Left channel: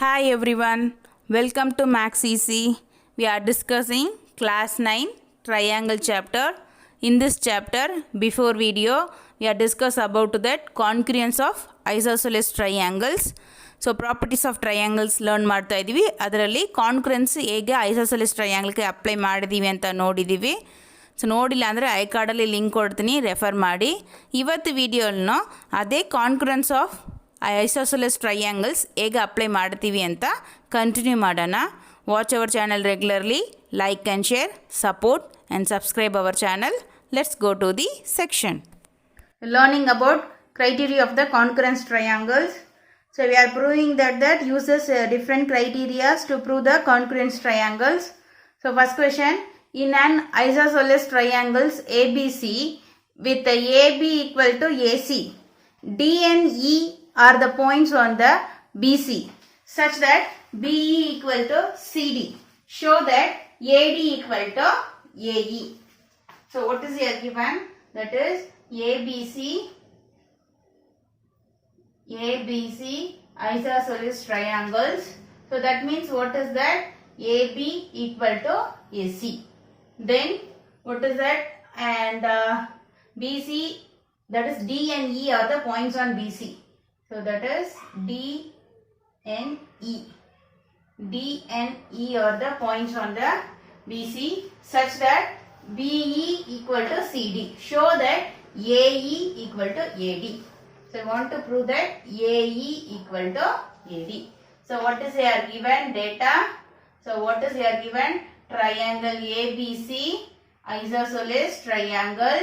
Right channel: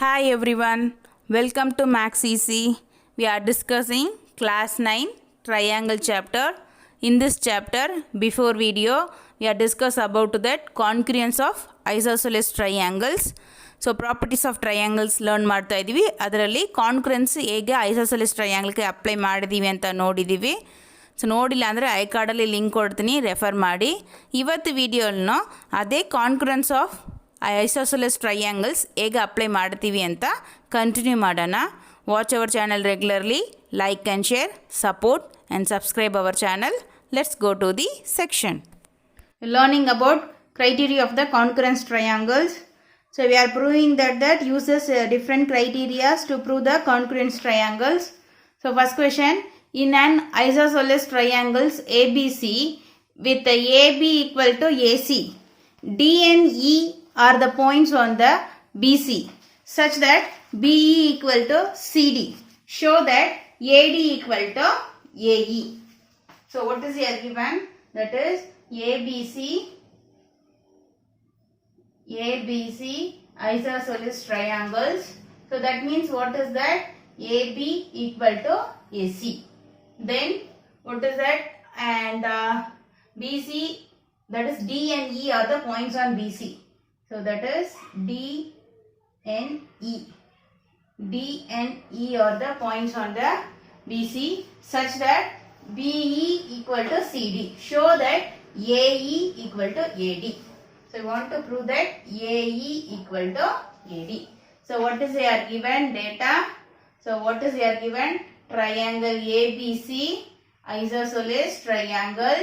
Hi everyone, welcome to Max Easy. We are discussing class 9 triangle chapter. In this chapter, before video, we are discuss about that congruence of isosceles triangles. So properties of triangles learn ಮಾಡ್ತಾ ಇದೀವಿ. ಅದರಲ್ಲಿ ಕಾನ್ಗ್ರುಯೆನ್ಸ್ ಹೇಗೆ isosceles ಟ್ರಯಾಂಗಲ್ಗೆ apply ಮಾಡಿದೀವಿ ಅಂತ ನೋಡಿದೀವಿ. So ನೋಡಿಲ್ಲ ಅಂದರೆ I ಕಾರ್ಡಲ್ಲಿ ಲಿಂಕ್ ಕೊಡ್ತೀನಿ, ರೆಫರ್ ಮಾಡಿ. ಇವತ್ತು ವಿಡಿಯೋನ ಅದೇ ಕಾನ್ಗ್ರುಯೆನ್ಸ್ ಆಫ್ ಐಸೋಸೆಲೆಸ್ ಟ್ರಯಾಂಗಲ್ಸ್ ಹೇಗೆ ಅಪ್ಲೈ ಮಾಡ್ತೀವಿ ಅಂತ ಕಂಟಿನ್ಯೂ ಮಾಡೋಣ. Watch our channel regularly, like and share, support and subscribe our channel. Let's go to the section. Learning about criteria of the congruence triangles. So we are proving that uses different criteria to prove the congruence triangles. So first question, in an isosceles triangles ABC with AB equal to AC, D and E are the points on the BC such that BE equal to CD. Show that AD equal to AE. So what is here given? That is ABC isosceles triangles. So that means what is that? AB equal to AC. Then what is that? And BC, that is D and E are the points on BC. So that is D and E. D and E are the points on the BC such that BE equal to CD. Show that AE equal to AD. So I want to prove that AE equal to AD. So what is here given? Data. So what is here given? Triangle ABC, isosceles triangle.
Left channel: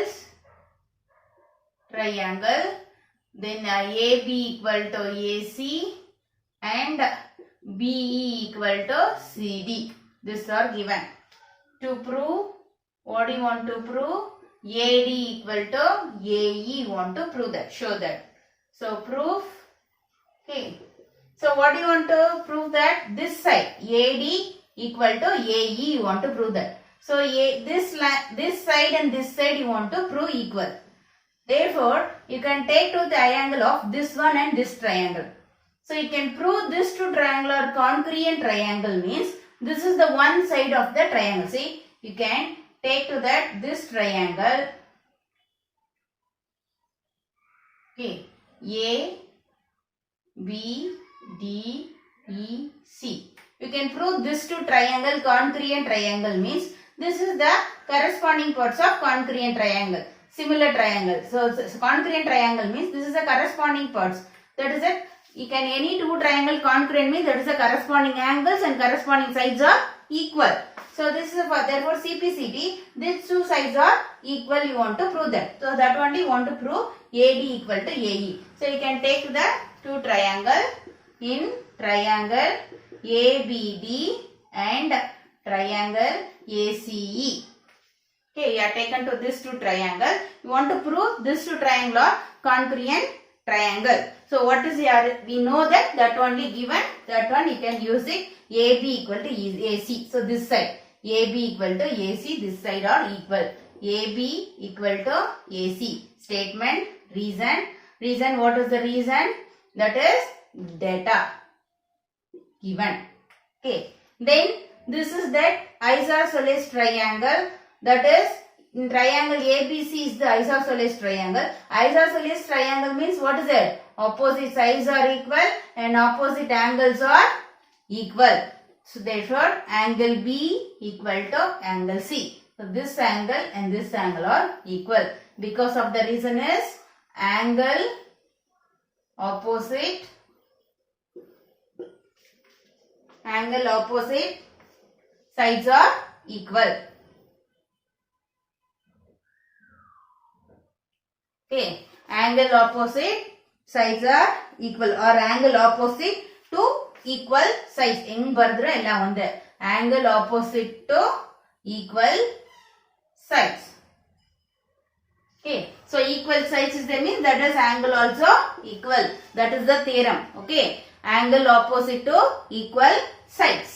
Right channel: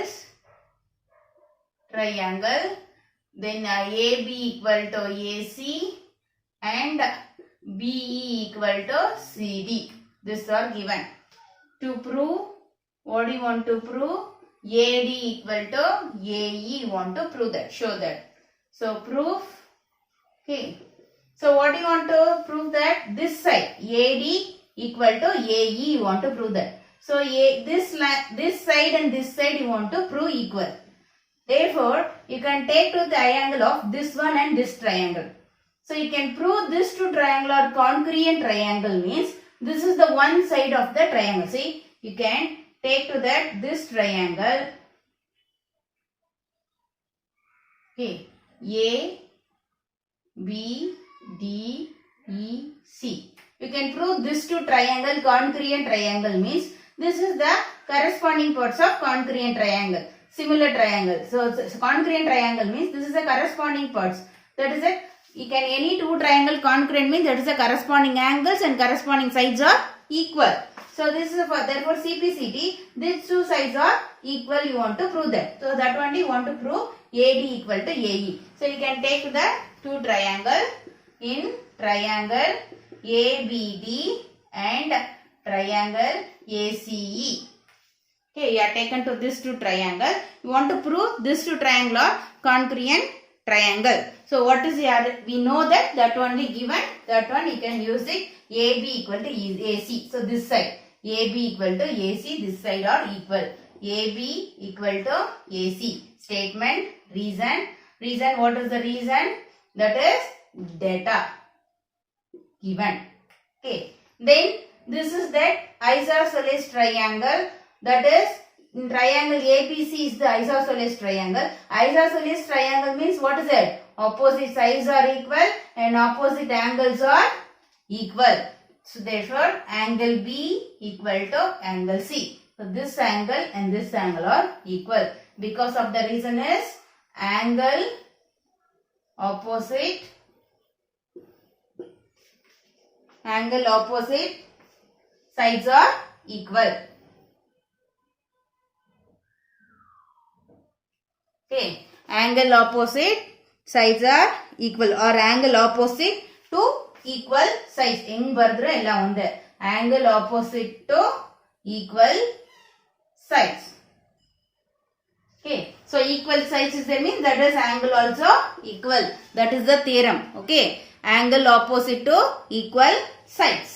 Then AB equal to AC and BE equal to CD. These are given. To prove, what do you want to prove? AD equal to AE, you want to prove that, show that. So proof, okay. So what do you want to prove that? This side, AD equal to AE, you want to prove that. So this side and this side you want to prove equal. Therefore, you can take to the triangle of this one and this triangle. So you can prove this two triangle are congruent triangle means this is the one side of the triangle. See, you can take to that this triangle. Okay, A, B, D, E, C. You can prove this two triangle congruent triangle means this is the corresponding parts of congruent triangle. Similar triangle. So congruent triangle means this is the corresponding parts. That is it. You can any two triangle congruent means that is the corresponding angles and corresponding sides are equal. So this is for therefore CPCT. These two sides are equal. You want to prove that. So that one you want to prove AD equal to AE. So you can take the two triangle in triangle ABD and triangle ACE. Okay, you are taken to this two triangle. You want to prove this two triangle are congruent triangle. So what is here? We know that only given. That one you can use it. AB equal to AC. So this side AB equal to AC. This side are equal. AB equal to AC. Statement. Reason. What is the reason? That is data given. Okay. Then this is that isosceles triangle. That is, in triangle ABC is the isosceles triangle. Isosceles triangle means what is it? Opposite sides are equal and opposite angles are equal. So therefore, angle B equal to angle C. So this angle and this angle are equal. Because of the reason is angle opposite sides are equal. Okay, angle opposite sides are equal or angle opposite to equal sides. Eng bardre ella onde. Angle opposite to equal sides. Okay, so equal sides is the means that is angle also equal. That is the theorem. Okay, angle opposite to equal sides.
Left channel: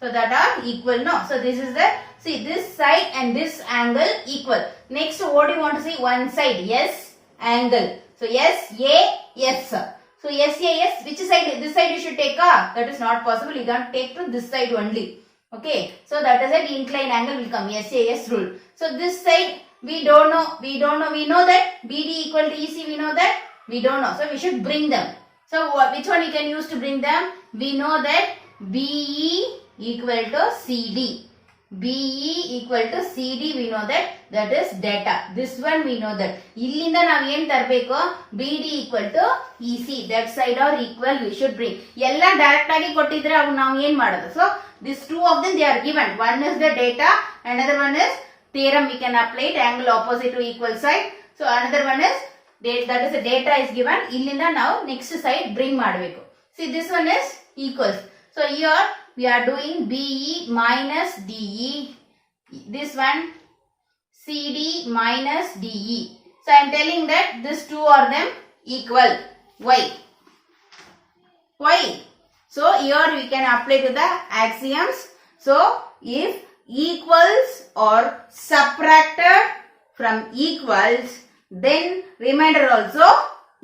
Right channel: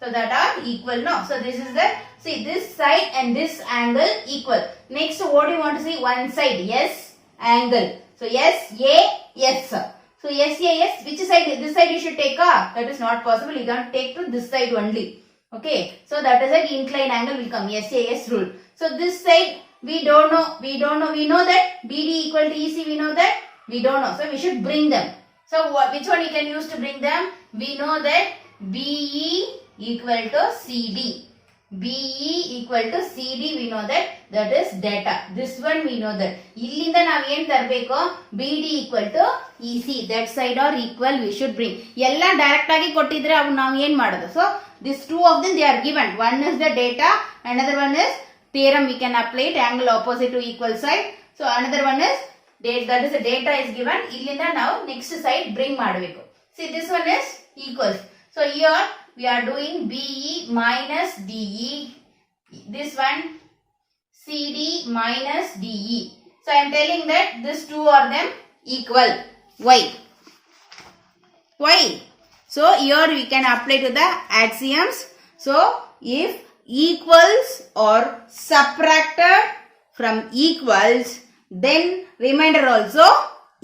So that are equal now. So this is the, see this side and this angle equal. Next what do you want to see? One side, yes, angle. So yes, A, yes. So So SAS, which side? This side you should take. That is not possible. You can take to this side only. Okay. So that is an inclined angle will come. SAS rule. So this side we don't know. We know that BD equal to EC. We know that. We don't know. So we should bring them. So which one you can use to bring them? We know that BE equal to CD. BE equal to CD, we know that is data. This one we know that. Illinda ನಾವು ಏನು ತರಬೇಕು? BD equal to EC. That side or equal we should bring. ಎಲ್ಲ direct ಆಗಿ ಕೊಟ್ಟಿದ್ರೆ ಅವು ನಾವು ಏನು ಮಾಡೋದು? So these two of them they are given. One is the data, another one is theorem. We can apply it, angle opposite to equal side. So another one is that is the data is given. Illinda ನಾವು next side bring ಮಾಡಬೇಕು. See, this one is equals. So here we are doing BE minus DE. This one CD minus DE. So I am telling that these two are them equal. Why? Why? So here we can apply to the axioms. So if equals are subtracted from equals, then remainder also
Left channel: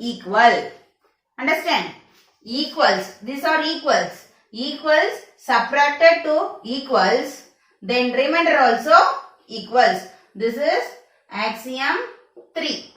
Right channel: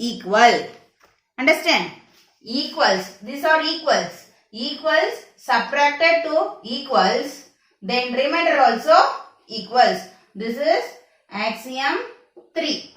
equal. Understand? Equals. These are equals. Equals subtracted to equals, then remainder also equals. This is axiom 3.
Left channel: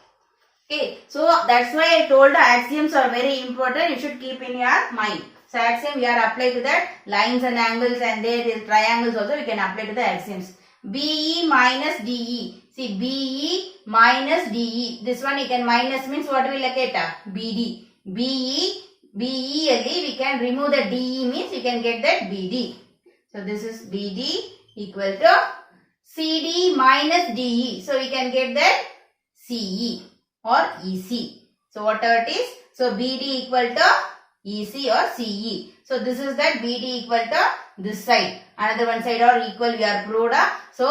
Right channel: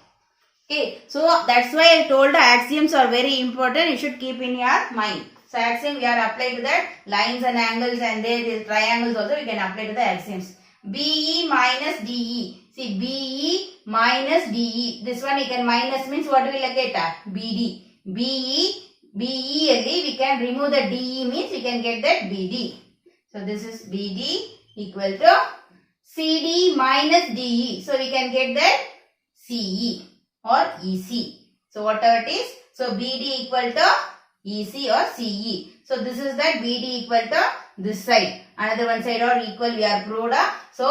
Okay, so that's why I told the axioms are very important. You should keep in your mind. So axiom we are applied to that lines and angles, and there is triangles also we can apply to the axioms. BE minus DE. See, BE minus DE. This one you can minus means what will get? BD. BE ali we can remove the DE means we can get that BD. So this is BD equal to CD minus DE. So we can get that CE or EC. So whatever it is. So BD equal to EC or CE. So this is that BD equal to this side. Another one side are equal we are proved. So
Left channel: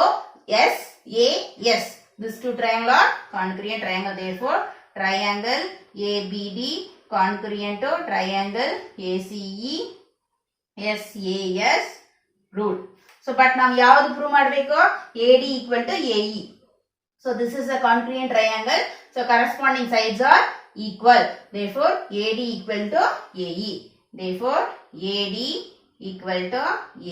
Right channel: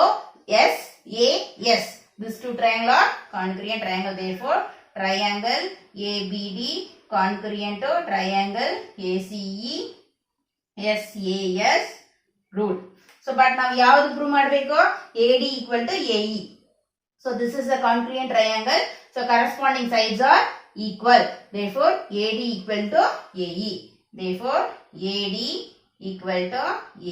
SAS. These two triangle are concurrent triangle. Therefore triangle ABD concurrent to triangle ACE SAS rule. So but now ಯಾವುದು prove ಮಾಡಬೇಕು? AD equal to AE. So this is a concurrent triangle. So corresponding sides are equal. Therefore AD equal to AE. Therefore AD equal to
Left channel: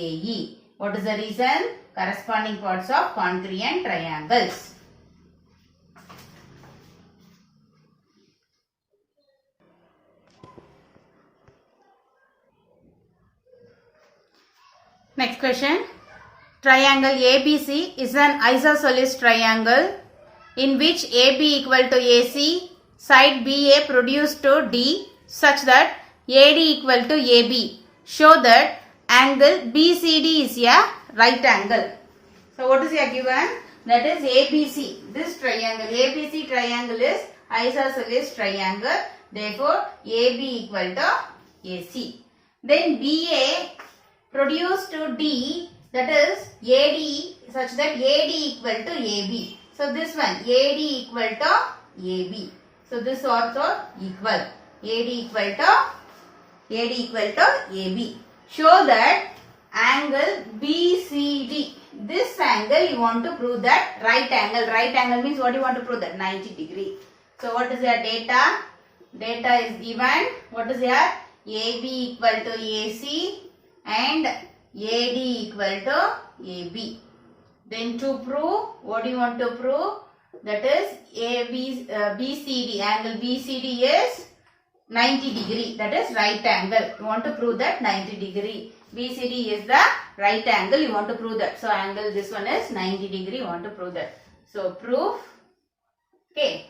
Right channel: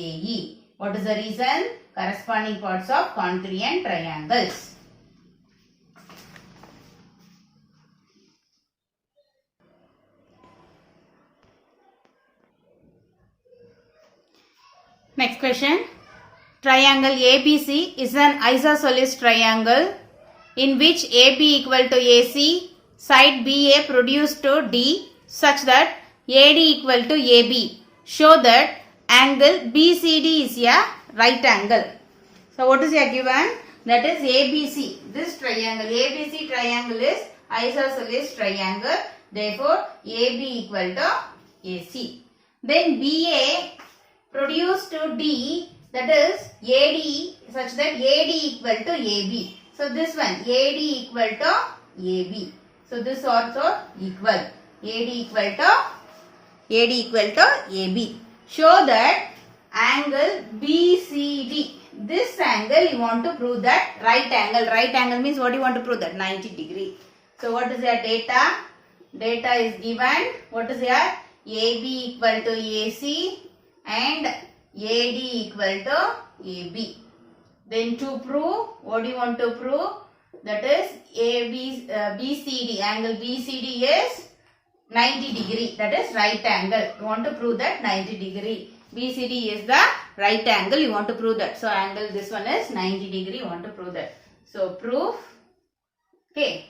AE. What is the reason? Corresponding parts of concurrent triangles. Next question. Triangle ABC is an isosceles triangle in which AB equal to AC, side BA produced to D such that AD equal to AB. Show that angle BCD is a right angle. So what is here given? That is ABC. This triangle, ABC triangle is isosceles triangle. Therefore AB equal to AC. Then BA produced to D, that is AD, such that AD equal to AB. So this one AD equal to AB. So this also equal. AD equal to AB. Show that angle BCD. This angle you want to prove that right angle. Right angle means what you want to prove that? 90 degree. So what is your data? Data is given. What is your AB equal to AC and AD equal to AB. Then to prove, what do you want to prove? That is BCD. Angle BCD is 90 degree. That is right angle. You want to prove that 90 degree. BCD is the right angle. You want to prove that. So angle this one is 90 degree. You want to prove that. So proof. Okay.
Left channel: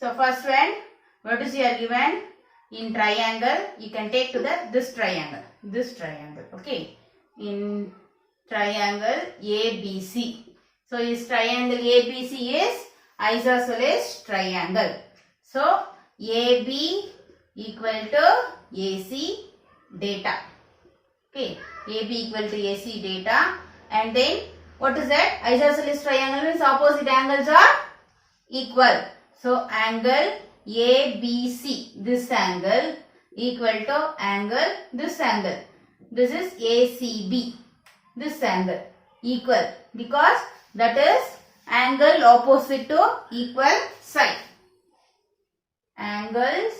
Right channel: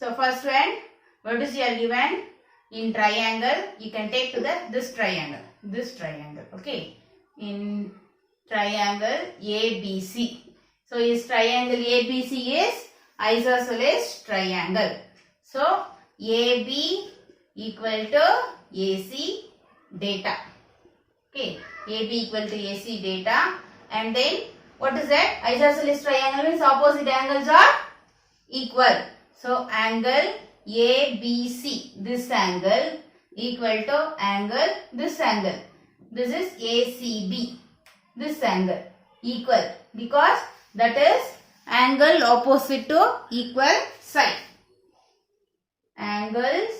So first one, what is here given? In triangle, you can take to this triangle. This triangle. Okay. In triangle ABC. So is triangle ABC is isosceles triangle. So AB equal to AC data. Okay. AB equal to AC data. And then what is that? Isosceles triangle means opposite angles are equal. So angle ABC, this angle equal to angle, this angle. This is ACB. This angle equal because that is angle opposite to equal side. Angles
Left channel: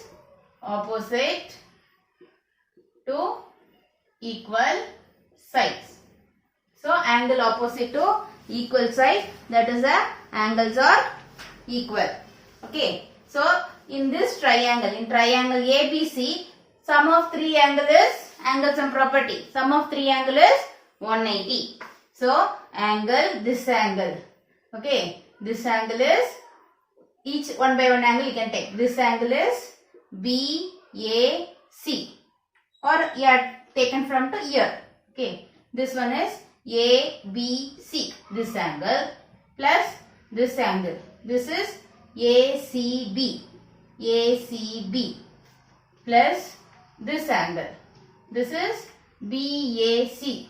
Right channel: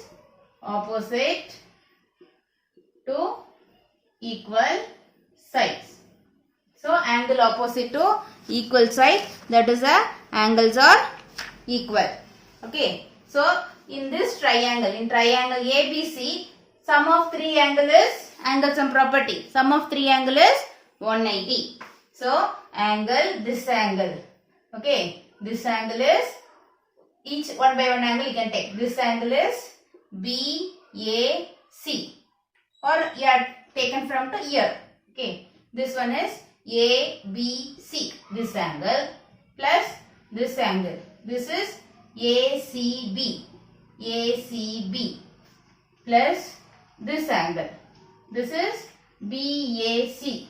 opposite to equal sides. So angle opposite to equal side, that is the angles are equal. Okay. So in this triangle, in triangle ABC, sum of three angle is angle sum property. Sum of three angle is 180. So angle, this angle. Okay. This angle is, each one by one angle you can take. This angle is BAC, or you are taken from to here. Okay. This one is ABC, this angle, plus this angle. This is ACB, plus this angle. This is BAC,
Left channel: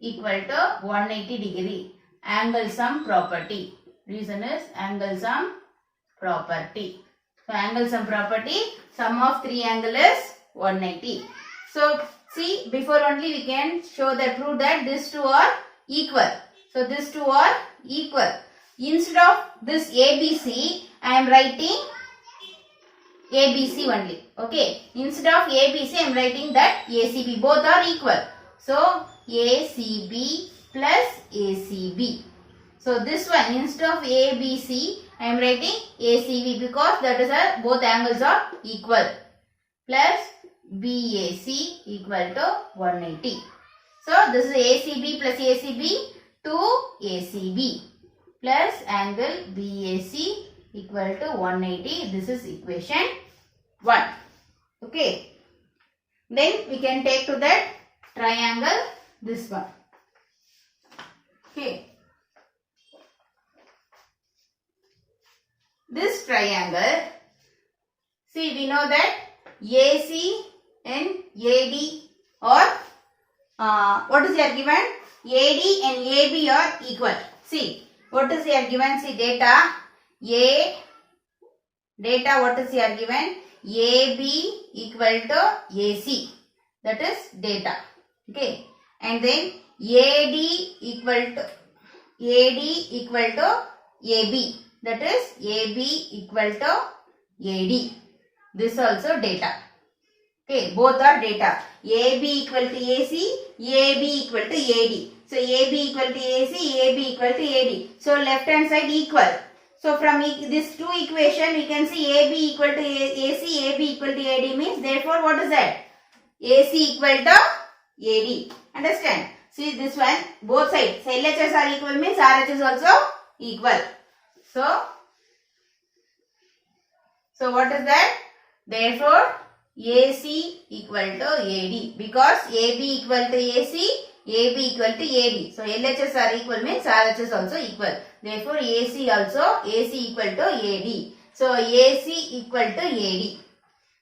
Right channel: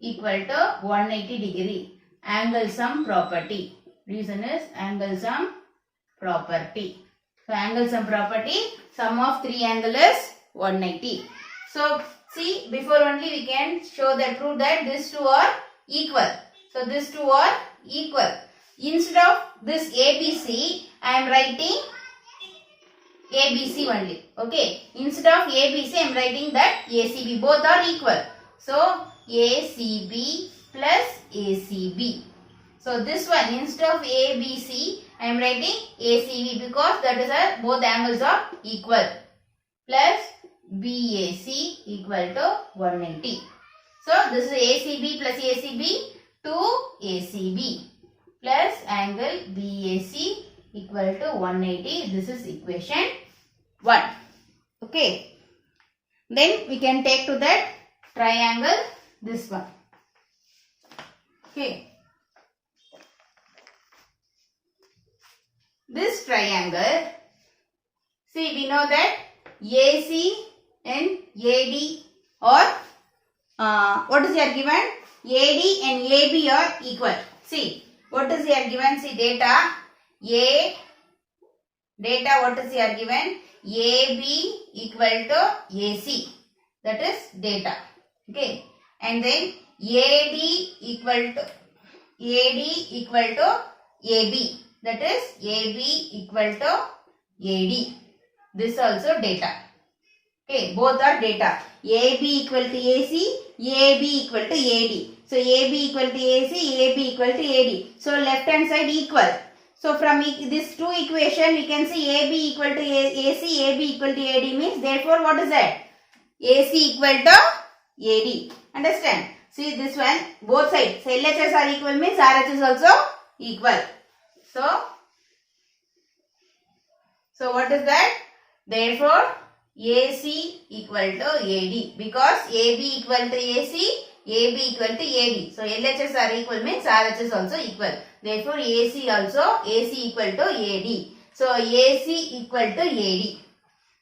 equal to 180 degree. Angle sum property. Reason is angle sum property. So angle sum property, sum of three angle is 180. So see, before only we can show that, prove that these two are equal. So these two are equal. Instead of this ABC, I am writing ABC only. Okay. Instead of ABC, I am writing that ACB. Both are equal. So ACB plus ACB. So this one, instead of ABC, I am writing ACB because that is a, both angles are equal. Plus BAC equal to 180. So this is ACB plus ACB to ACB plus angle BAC equal to 180. This is equation 1. Okay. Then we can take to that triangle, this one. Okay. This triangle, see, we know that AC and AD or what is here given? AD and AB are equal. See, what is here given? See, data what is here given? AB equal to AC. That is data. Okay. And then AD equal to AB. That is AB equal to AD. This also data. Okay, both are data. AB equal to AC, AB equal to AD. So AB equal to AC, AB equal to AD. So left hand side equal. So from this two equation we can see AB equal to AC, AB equal to AD means, therefore what is that? AC equal to AD. Understand? See this one, both sides. So LHS are equal means RH is also equal. So what is that? Therefore AC equal to AD, because AB equal to AC, AB equal to AD. So LHS are equal means RH is also equal. Therefore AC also, AC equal to AD. So AC equal to AD.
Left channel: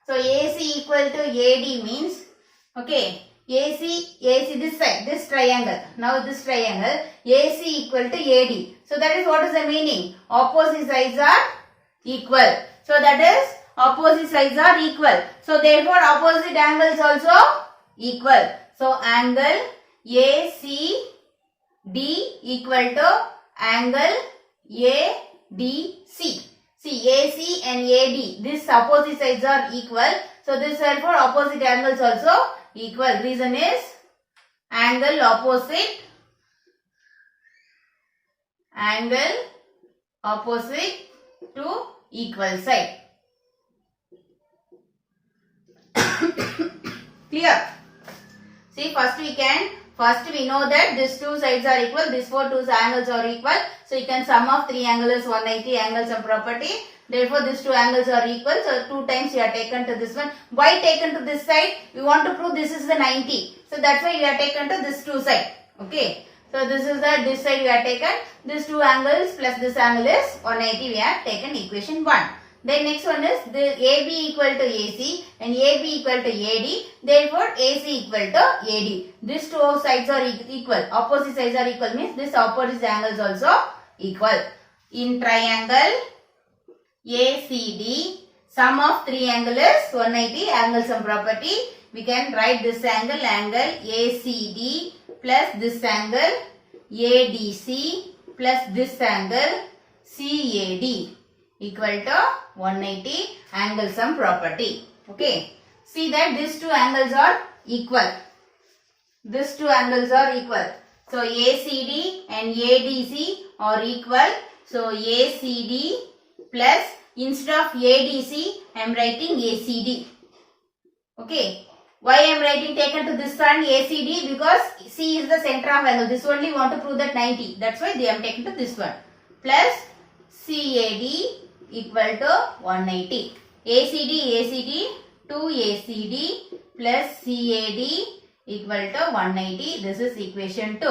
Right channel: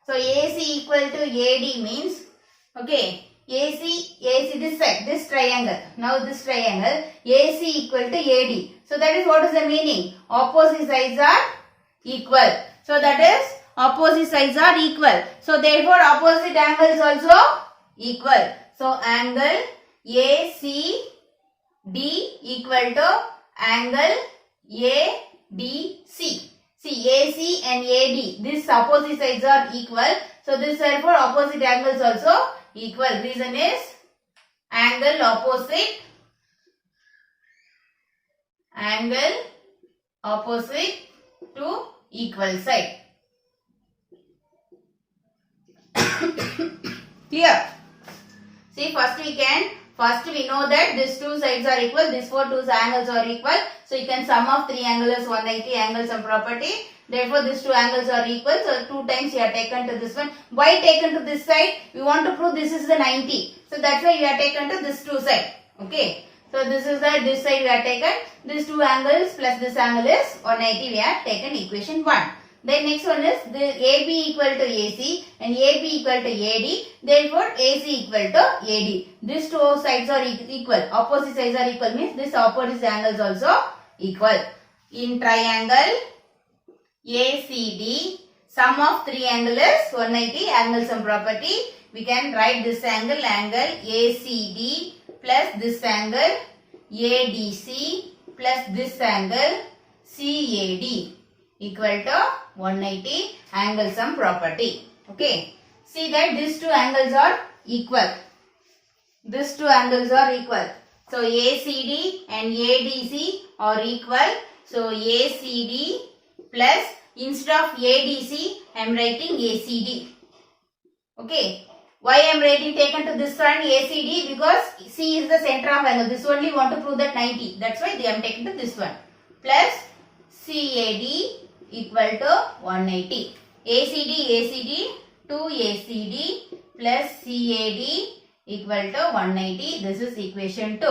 So AC equal to AD means, okay, AC this side, this triangle. Now this triangle, AC equal to AD. So that is what is the meaning? Opposite sides are equal. So that is opposite sides are equal. So therefore opposite angles also equal. So angle ACD equal to angle ADC. See, AC and AD, these opposite sides are equal. So this therefore opposite angles also equal. Reason is angle opposite to equal side. Clear? See, first we know that these two sides are equal, these two angles are equal. So you can sum of three angles is 180, angle sum property. Therefore these two angles are equal. So 2 times you are taken to this one. Why taken to this side? We want to prove this is the 90. So that's why you are taken to this two side. Okay. So this is this side we are taken. These two angles plus this angle is 180. We have taken equation 1. Then next one is the AB equal to AC and AB equal to AD. Therefore AC equal to AD. These two sides are equal. Opposite sides are equal means this opposite angles also equal. In triangle ACD, sum of three angle is 180, angle sum property. We can write this angle ACD plus this angle ADC plus this angle CAD equal to 180 angle sum property. Okay. See that these two angles are equal. These two angles are equal. So ACD and ADC are equal. So ACD plus, instead of ADC, I am writing ACD. Okay. Why I am writing taken to this one ACD? Because C is the center of angle. This only want to prove that 90. That's why they am taken to this one. Plus CAD equal to 180. ACD 2ACD plus CAD equal to 180. This is equation 2.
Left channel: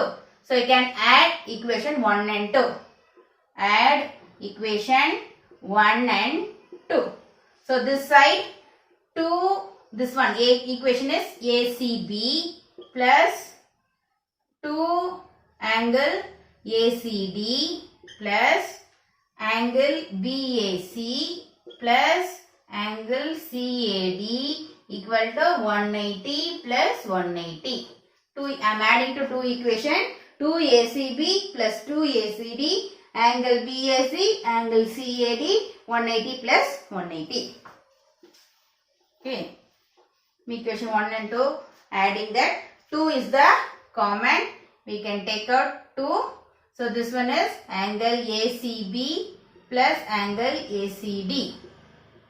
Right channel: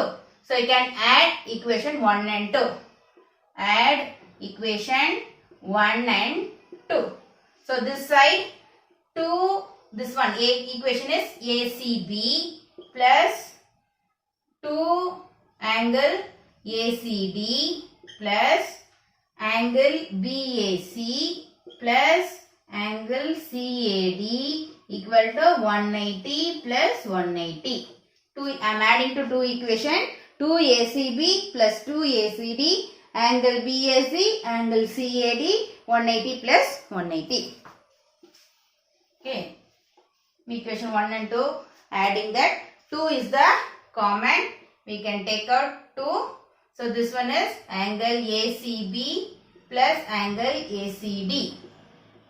So you can add equation 1 and 2. Add equation 1 and 2. So this side 2, this one equation is ACB plus 2 angle ACD plus angle BAC plus angle CAD equal to 180 plus 180. I am adding to 2 equation. 2 ACB plus 2 ACD angle BAC angle CAD 180 plus 180. Okay. Equation 1 and 2, adding that 2 is the common, we can take out 2. So this one is angle ACB plus angle ACD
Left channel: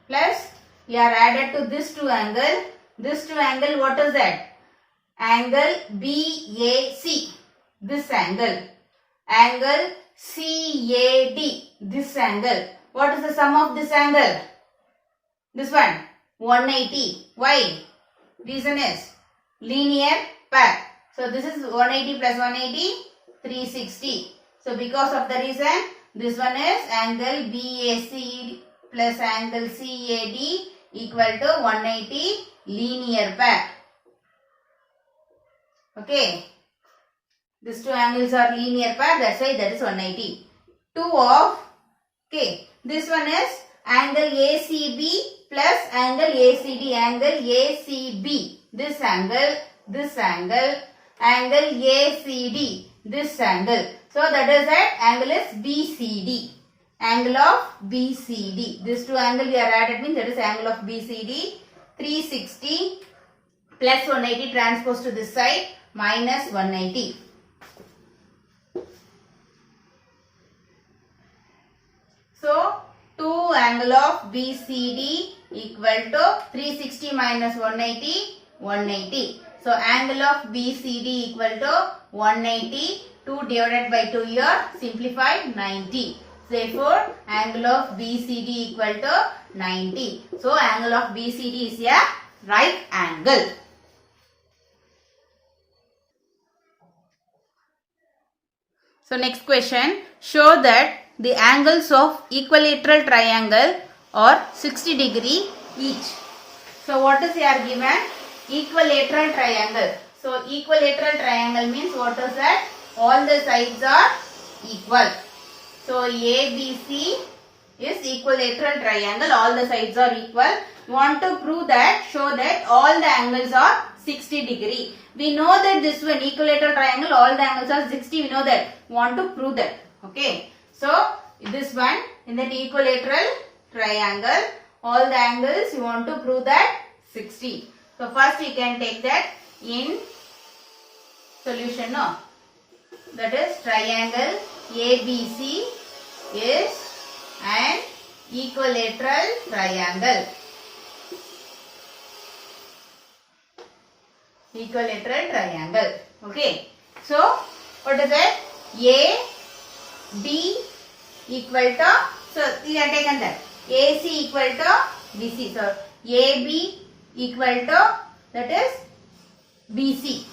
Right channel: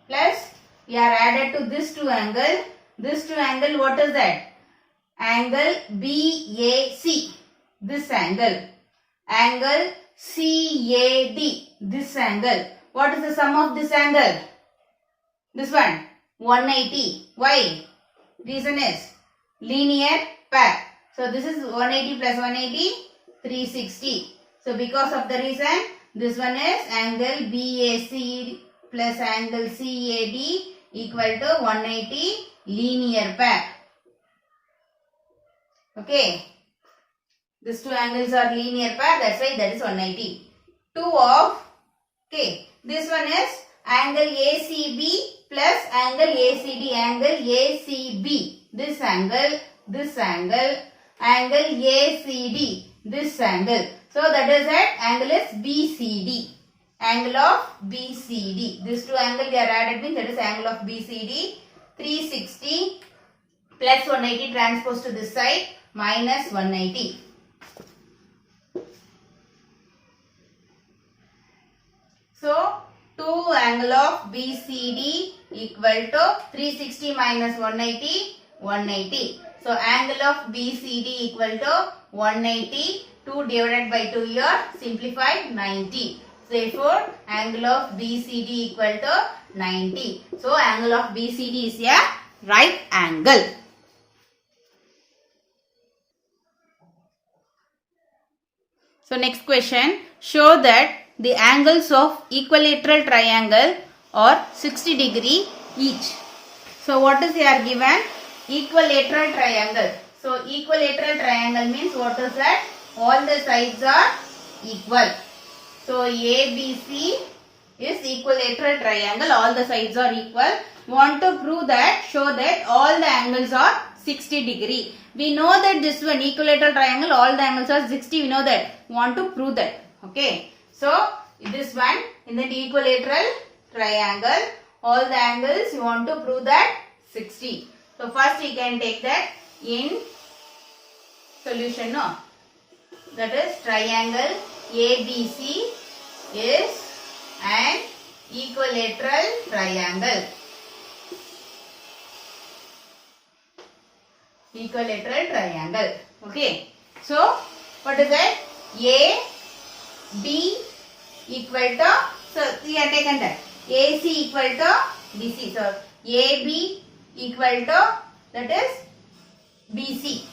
plus we are added to this 2 angle. This 2 angle, what is that? Angle BAC, this angle. Angle CAD, this angle. What is the sum of this angle? This one, 180. Why? Reason is linear pair. So this is 180 plus 180, 360. So because of the reason, this one is angle BAC plus angle CAD equal to 180 linear pair. Okay. These two angles are linear pair, that's why that is 180. 2 of, okay, this one is angle ACB plus angle ACD, angle ACB, this angle, angle ACD, this angle. So that is that angle is BCD, angle of BCD. These two angles we are added means that is angle of BCD. 360 plus 180 transpose to this side minus 180. So 2 angle of BCD equal to 360 minus 180, 180. So angle of BCD equal to 180. 2 divided by 2 here, simplify 90. Therefore, angle of BCD equal to 90. So angle of BCD is a right angle. So next question, show that the angles of equilateral triangle are 60 degree each. So what is here given? Equilateral triangle. So equilateral triangle means what is that? All the sides are equal. So ABC is equilateral triangle. All the sides are equal. Want to prove that, show that all the angles are 60 degree. We know that this one equilateral triangle, all the angles are 60. We know that. Want to prove that. Okay. So this one in that equilateral triangle, all the angles you want to prove that 60. So first you can take that in solution. No. That is triangle ABC is an equilateral triangle. Equilateral triangle. Okay. So what is it? A, B equal to, so we have taken that. AC equal to BC. So AB equal to, that is BC.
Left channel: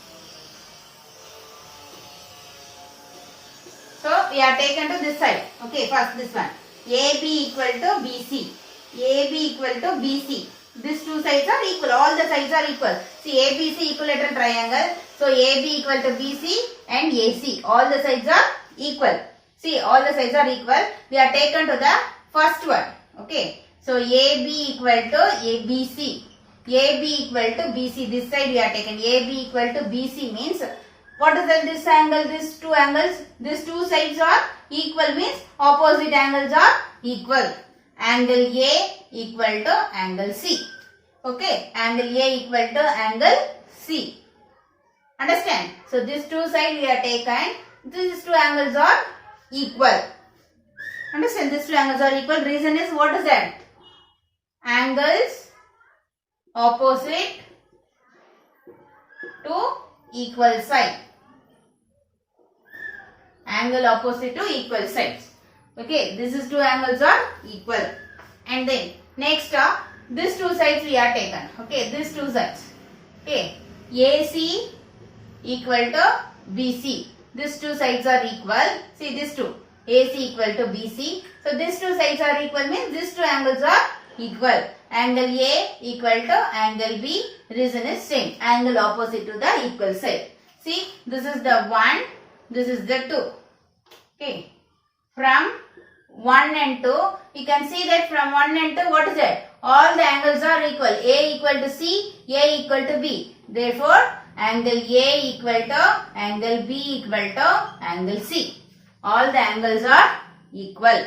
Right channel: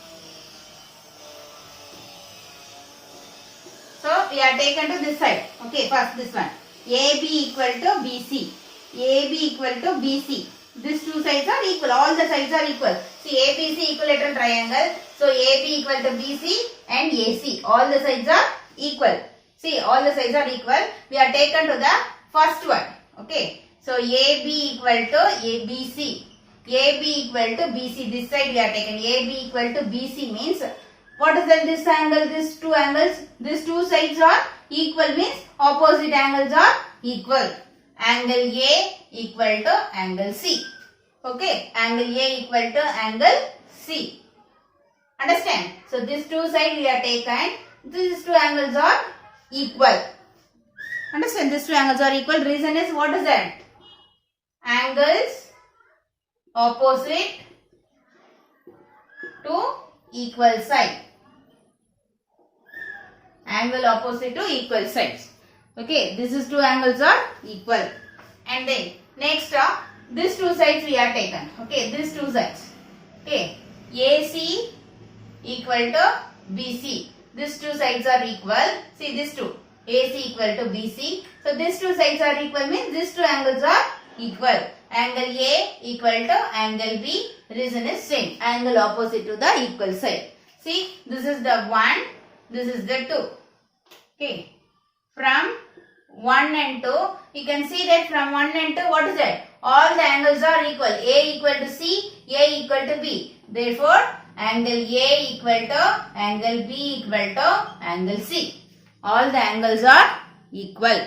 So we are taken to this side. Okay, first this one. AB equal to BC. AB equal to BC. These two sides are equal. All the sides are equal. See, ABC equilateral triangle. So AB equal to BC and AC. All the sides are equal. See, all the sides are equal. We are taken to the first one. Okay. So AB equal to ABC. AB equal to BC. This side we are taken. AB equal to BC means, what is then this angle, these two angles? These two sides are equal means opposite angles are equal. angle A equal to angle C. Okay, angle A equal to angle C. Understand? So these two sides we are taken. These two angles are equal. Understand? These two angles are equal. Reason is, what is that? Angles opposite to equal side. Angle opposite to equal sides. Okay, this is two angles are equal. And then next these two sides we are taken. Okay, these two sides. Okay, AC equal to BC. These two sides are equal. See, these two, AC equal to BC. So these two sides are equal means these two angles are equal. Angle A equal to angle B. Reason is same. Angle opposite to the equal side. See, this is the 1. This is the 2. Okay. From 1 and 2, you can see that from 1 and 2, what is that? All the angles are equal. A equal to C, A equal to B. Therefore, angle A equal to angle B equal to angle C. All the angles are equal.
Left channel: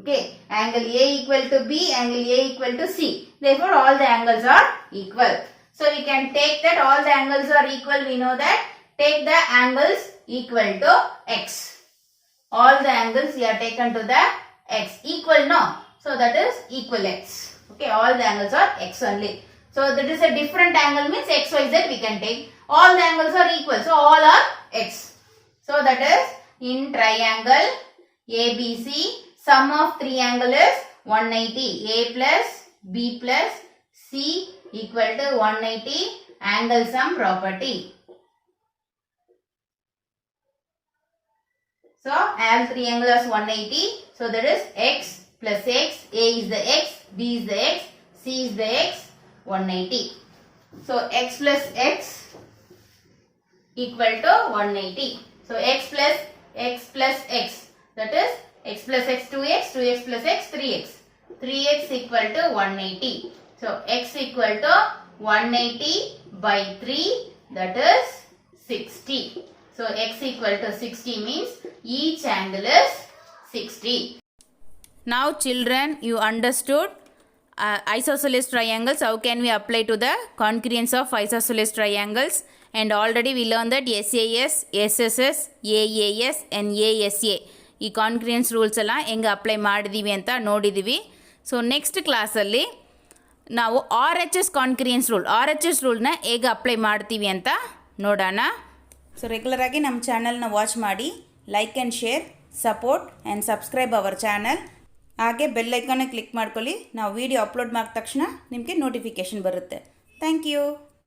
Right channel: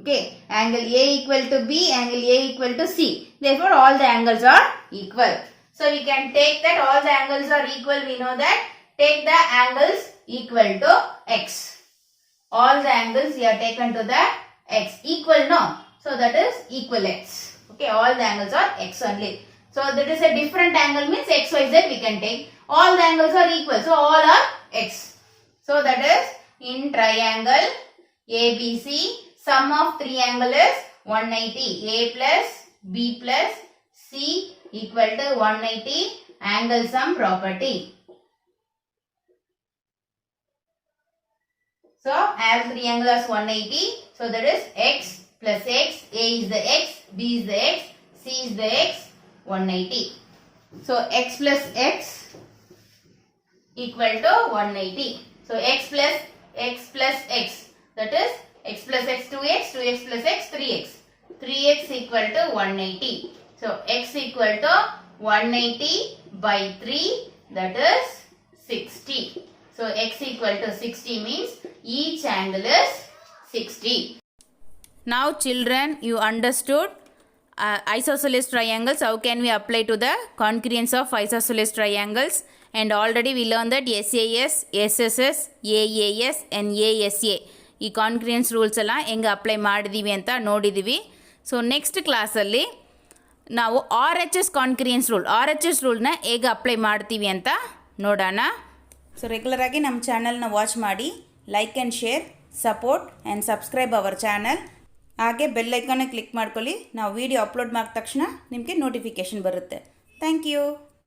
Okay. Angle A equal to B, angle A equal to C. Therefore, all the angles are equal. So, we can take that all the angles are equal. We know that. Take the angles equal to X. All the angles we are taken to the X. Equal, no. So, that is equal X. Okay. All the angles are X only. So, that is a different angle means X, Y, Z we can take. All the angles are equal. So, all are X. So, that is in triangle ABC, sum of triangle is 180. A plus B plus C equal to 180. Angle sum property. So, as triangle is 180. So, that is X plus X. A is the X. B is the X. C is the X. 180. So, X plus X equal to 180. So, X plus X. That is X plus X 2X. 2X plus X 3X. 3X equal to 180. So, X equal to 180 by 3. That is 60. So, X equal to 60 means each angle is 60. Now children, you understood isosceles triangles. How can we apply to the congruence of isosceles triangles? And already we learned that SAS, SSS, AAS and ASA ಈ ಕಾನ್ಗ್ರಿಯನ್ಸ್ rules ಎಲ್ಲ ಹೆಂಗೆ apply ಮಾಡಿದ್ದೀವಿ ಅಂತ ನೋಡಿದ್ದೀವಿ. So next ಕ್ಲಾಸಲ್ಲಿ ನಾವು RHS ಕಾನ್ಗ್ರಿಯನ್ಸ್ ರೂಲ್ನ ಹೇಗೆ apply ಮಾಡ್ತೀವಿ ಅಂತ ನೋಡೋಣ. ಸೊ ರೆಗ್ಯುಲರಾಗಿ ನಮ್ಮ ಚಾನಲ್ನ ವಾಚ್ ಮಾಡಿ, like and share, support and subscribe our channel. ಹಾಗೆ ಬೆಲ್ ಐಕಾನ್ನ ಕ್ಲಿಕ್ ಮಾಡ್ಕೊಳ್ಳಿ. ನಾವು ವಿಡಿಯೋ ಅಪ್ಲೋಡ್ ಮಾಡಿದ ತಕ್ಷಣ ನಿಮಗೆ ನೋಟಿಫಿಕೇಷನ್ ಬರುತ್ತೆ. Thank you.